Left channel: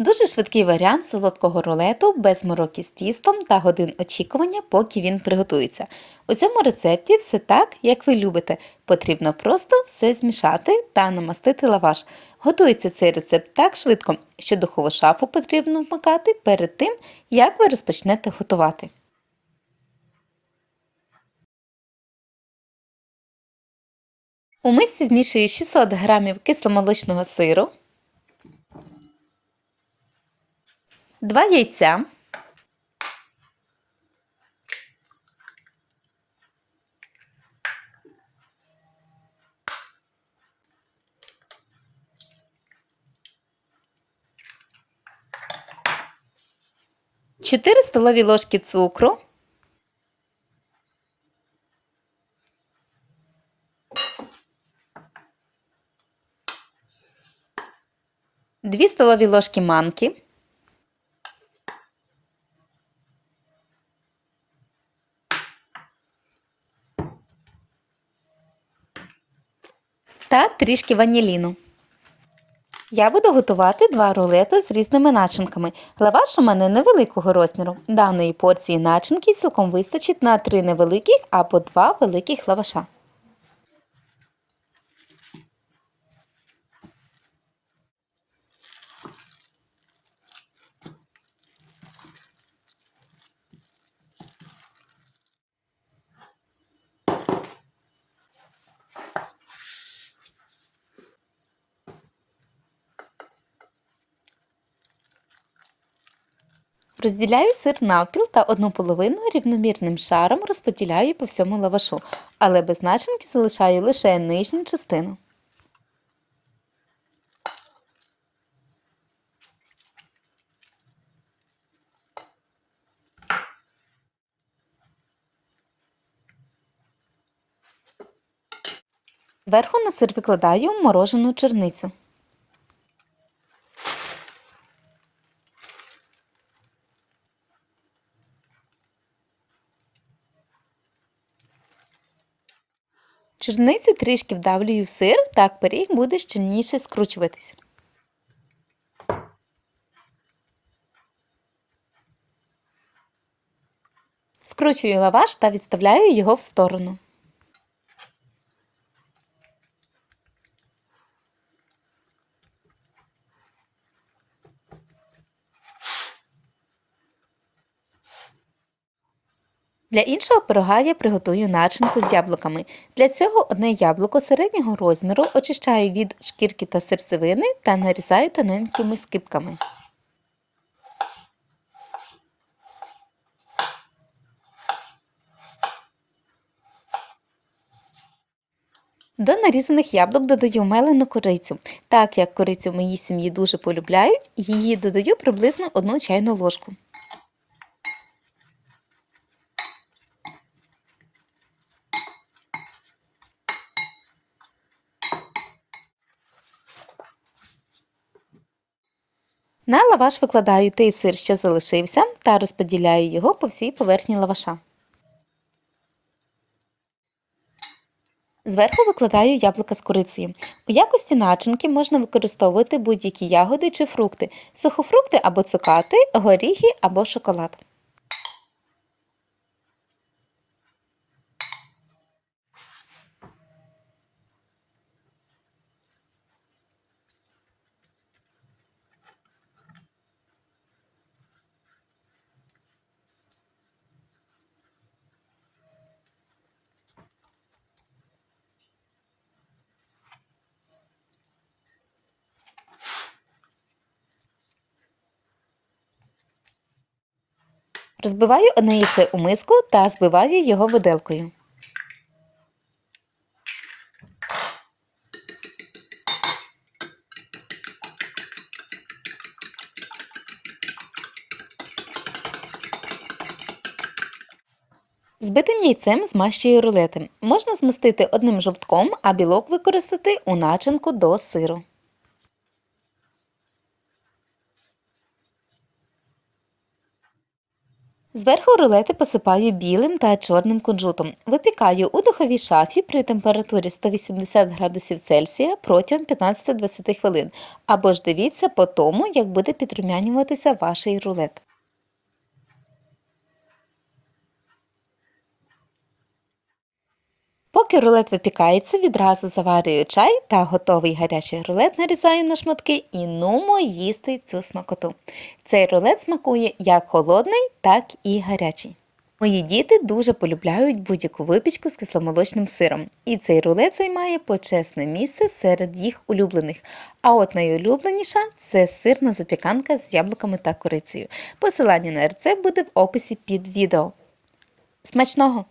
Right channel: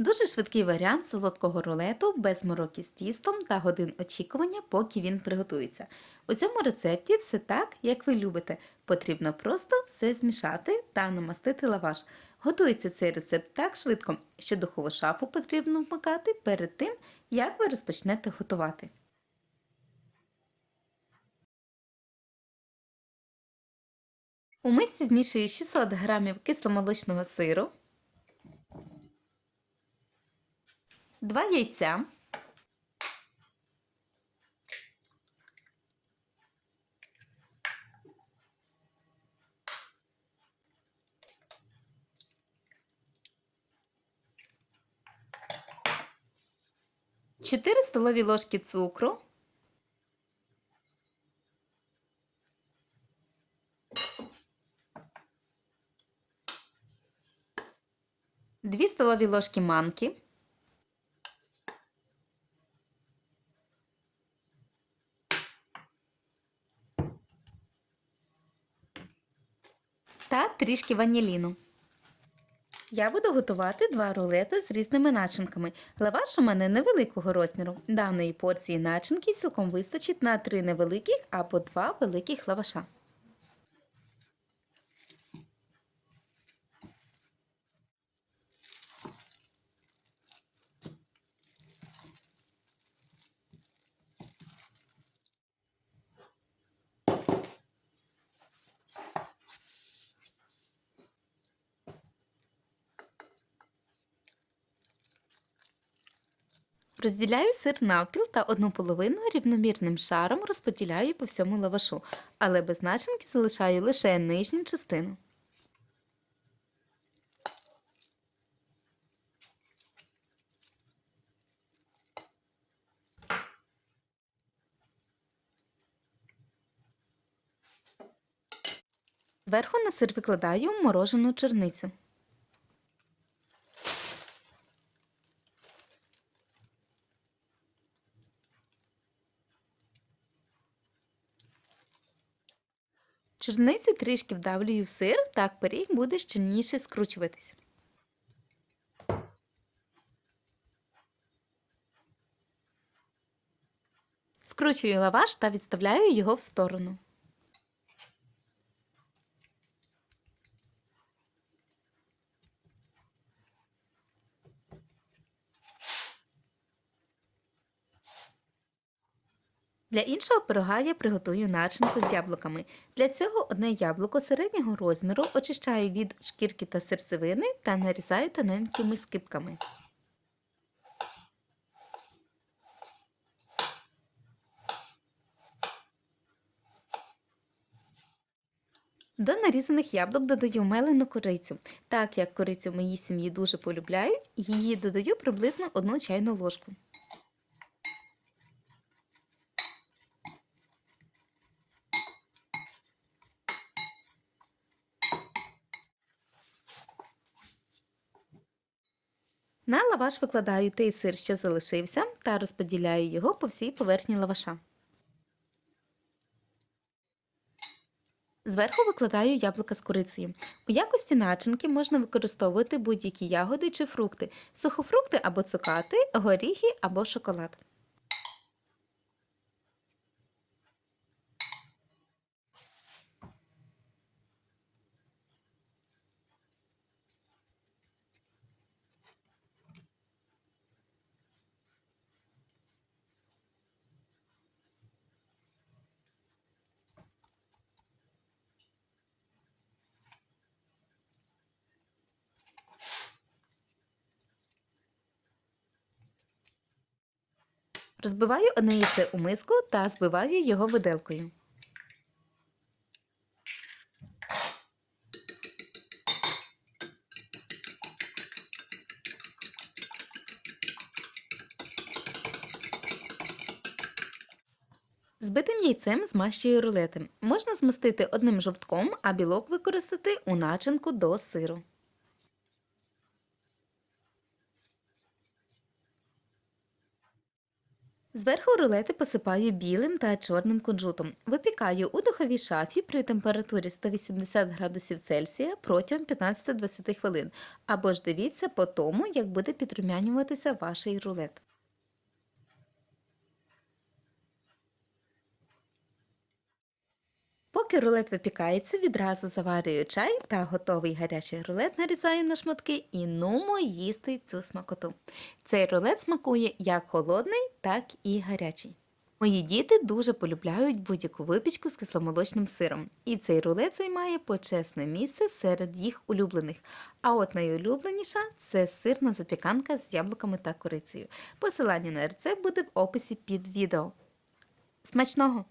Дуже швидкий варіант солодкого рулету без мороки з тістом та годин очікування, поки він приготується. У цьому рецепті все так, як ви любите. Потрібно просто все змішати та намастити лаваш. Готується цей рецепт так швидко, що духову шафу потрібно вмикати перед тим, як ви розпочнете готувати. У мисці змішую 600 г кисломолочного сиру, 2 яйця, Чотири столові ложки цукру, Дві столові ложки манки, та трішки ваніліну. Я буду готувати два рулети з різними начинками. Лаваш у мене невеликого розміру. Даної порції начинки цілком вистачить на три невеликих або два великих лаваша. Розділяю сир навпіл та одну половину рівномірним шаром розподіляю по всьому лавашу, але без начинки залишаю лише нижню частину. Зверху на сир викладаю морожену черницю. Чорниці трішки вдавлюю в сир, так пиріг буде щільніше скручуватись. Скручую лаваш та відставляю його в сторону. Для іншого пирога я приготую начинку з яблуками. Для цього одне яблуко середнього розміру очищаю від шкірки та серцевини та нарізаю тоненькими скибками. До нарізаних яблук додаю мелену корицю. Так як корицю в моїй сім'ї дуже полюбляють, її додаю приблизно 1 чайну ложку. На лаваш викладаю той сир, що залишився, та розподіляю його по всій поверхні лаваша. Зверху викладаю яблука з курицею. У якості начинки можна використовувати будь-які ягоди чи фрукти, сухофрукти або цукати, горіхи або шоколад. Розбиваю одне яйце у миску та збиваю його виделкою. Збитим яйцем змащую рулети. Можна змастити одним жовтком, а білок використати у начинку до сиру. Зверху рулети посипаю білим та чорним кунжутом. Випікаю у духовій шафі при температурі 180 градусів Цельсія протягом 15-20 хвилин. Або ж дивіться по тому, як буде підрумянюватися ваш рулет. Поки рулет випікається, відразу заварюю чай та готовий гарячий рулет нарізаю на шматки і нумо їсти цю смакоту. Цей рулет смакує як холодний, так і гарячий. Мої діти дуже полюбляють будь-яку випічку з кисломолочним сиром, і цей рулет займає почесне місце серед їх улюблених. А от найулюбленіша це сирна запіканка з яблуками та корицею. Посилання на рецепт буде в описі під відео. Смачного!